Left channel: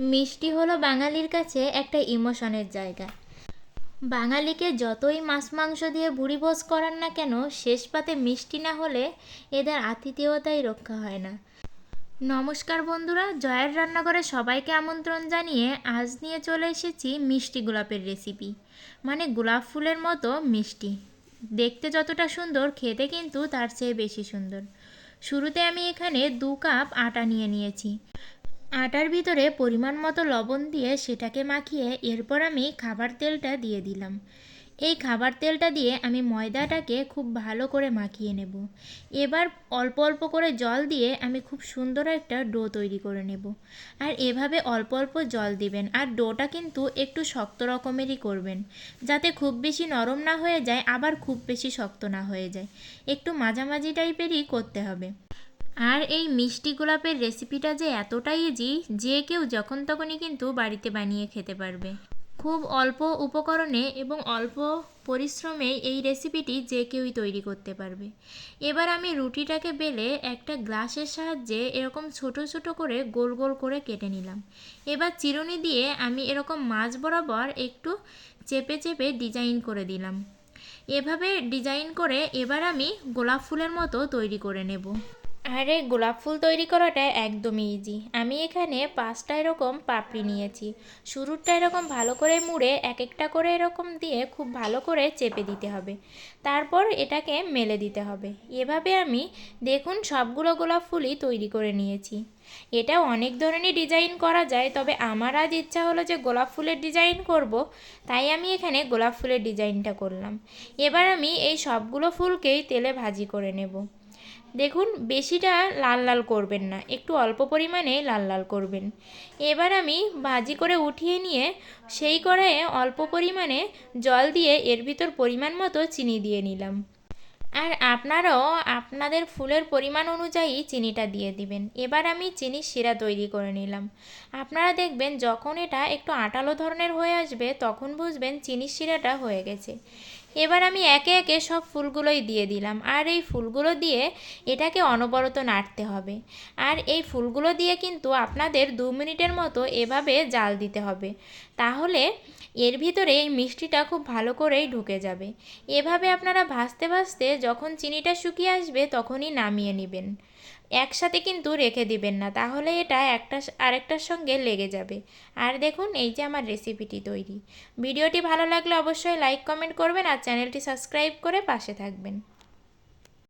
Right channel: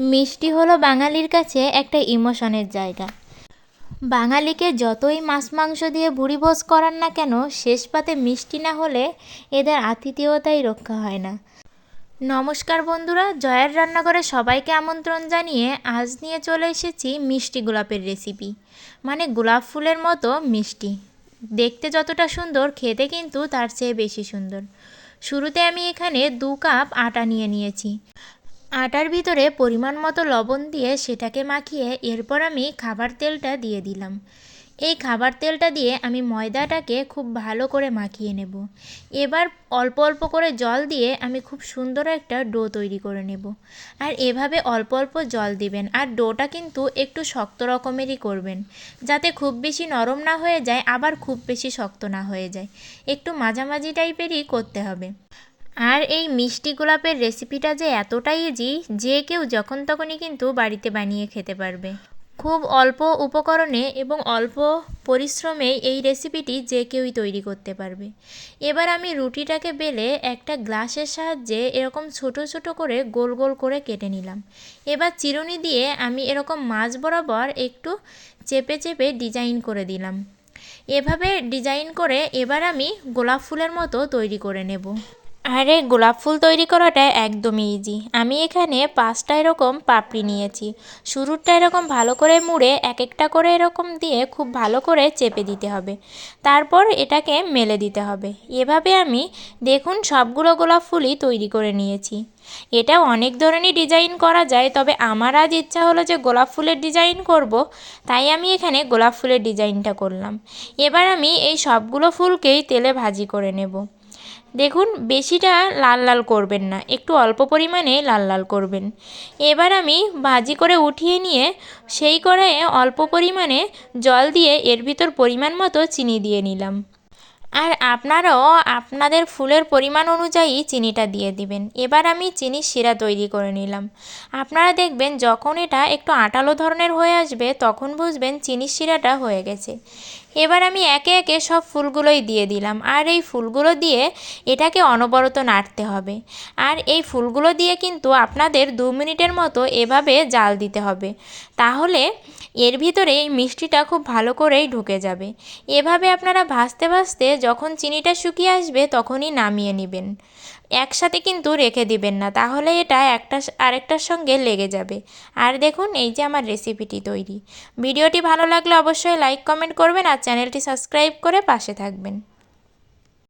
মিষ্টি হলো বাঙালির কাছে একটা ইমোশনের জায়গা। বাঙালিকে যতই মাছ মাংস দিয়ে ভুরিভোজ করান না কেন, শেষ পাতে মিষ্টি না হলে এদের আতিথেয়তাই রক্ষা হয় না। নমস্কার বন্ধুরা, জয়ের রান্নাঘরে সবাইকে আমন্ত্রণ জানিয়ে আজ নিয়ে চলে এসেছি মিষ্টি গোলাপের রেসিপি মানে গোলাপ ফুলের মতো মিষ্টি। দেখতে যতটা সুন্দর, খেতে কিন্তু তার চেয়ে বেশি সুন্দর। শুরুতে আমি এখানে দু কাপ আটা নিয়ে নিয়েছি। আটার ভিতরে পরিমাণ মতো লবণ দিয়ে সেটাকে মাখিয়ে এরপর আমি খাবার তেলটা দিয়ে দিলাম। এই খাবার তেলটা দিয়ে আমি ময়দাটাকে খুব ভালো করে মাখিয়ে নেব। এবার অল্প অল্প করে জল দিয়ে আমি খুব সুন্দর একটা ডো তৈরি করে নেব। আর এভাবে অল্প অল্প জল দিবেন আর ডোটা কিন্তু একটু শক্ত রকমেরই করবেন, যাতে খুব বেশি নরম না হয়ে যায়, আবার খুব বেশি শক্ত না হয়ে যায়। একটু মাঝামাঝি টাইপেরই করতে হবে। আর এই মিষ্টি গোলাপের রেসিপিটা যে এতটাই ইজি যে কেউ যখন তখনই কিন্তু বাড়িতে বানিয়ে খেতে পারবে। খুব অল্প উপকরণে এবং অল্প পরিশ্রমে এই রেসিপিটি যে কেউই তৈরি করতে পারবে। এবার আমি রুটিটাকে বেলে একটা গ্লাসের সাহায্যে এরকম ছোট ছোট করে গোল গোল করে কেটে নিলাম। এবার চিরুনি দিয়ে আমি এরকম মাছ বরাবর একটু চেপে চেপে ডিজাইন করে দিলাম। এভাবে ডিজাইন করে এবার আমি গোলাপ ফুলের মতো তৈরি করে নেব। আরে, গোলাপ ফুল তৈরি করাটা একদমই ইজি আমি এখানে পাঁচটা এরকম পাপড়ি নিয়েছি। শুরুরটা এরকম ভালো করে মুড়ে এক একটা করে এরকম দিয়ে খুব ভালো করে চেপে দিতে হবে। তারপর এটাকে মেলে দিতে হবে। এভাবে আমি দেখুন সবগুলো গোলাপ ফুলই তৈরি করে নিয়েছি। এটা অনেক ধরনের ডিজাইন করা যায়, তবে আমার আজ ইচ্ছা হলো যে গোলাপ ফুলের ডিজাইন করব, তাই আমি এখানে গোলাপ ফুলের ডিজাইনটা করলাম। এবার আমি এই সবগুলো ফুলকেই তেলে ভাজি করে নেব। দেখুন, বেশিটা লাল লাল করবেন না, একটু অল্প পরিমাণে লাল লাল করবেন। এবার আমি ভাজি করে উঠিয়ে নিয়ে সেই কড়াইয়ে অল্প পরিমাণে জল দিয়ে এর ভিতর পরিমাণ মতো চিনি দিয়ে নিলাম। আর আপনারাও আপনাদের ফুলের পরিমাণ অনুযায়ী চিনিটা দিয়ে দিবেন। এবার আমি চিনির শিরা তৈরি করে নিলাম। আপনারা দেখবেন যখন এটা একটু আটালো ধরনের হয়ে আসবে, তখন বুঝবেন চিনির শিরাটা হয়ে গেছে। এবার আমি একে একে সব ফুলগুলোই দিয়ে দিলাম। আর এই ফুলগুলো দিয়ে এটাকে অনবরত নাড়তে হবে। আর এই ফুলগুলো দিয়ে কিন্তু আপনাদের দু মিনিটের মতো এভাবে জাল দিতে হবে। তাহলে এর ভিতরে এই মিষ্টিটা খুব ভালো করেই ঢুকে যাবে। এভাবে আপনারা ভাজতে ভাজতে যখন চিনিটা শুকিয়ে আসবে তখনই নামিয়ে নেবেন। একসাথে কিন্তু রেখে দিবেন না, তাহলে এটা একটা আরেকটার সঙ্গে লেগে যাবে। আর দেখুন, এই যে আমার রেসিপিটি তৈরি। ভিডিওটি ভালো লাগলে অবশ্যই লাইক কমেন্ট করবেন আর চ্যানেলটি সাবস্ক্রাইব করে পাশে থাকবেন।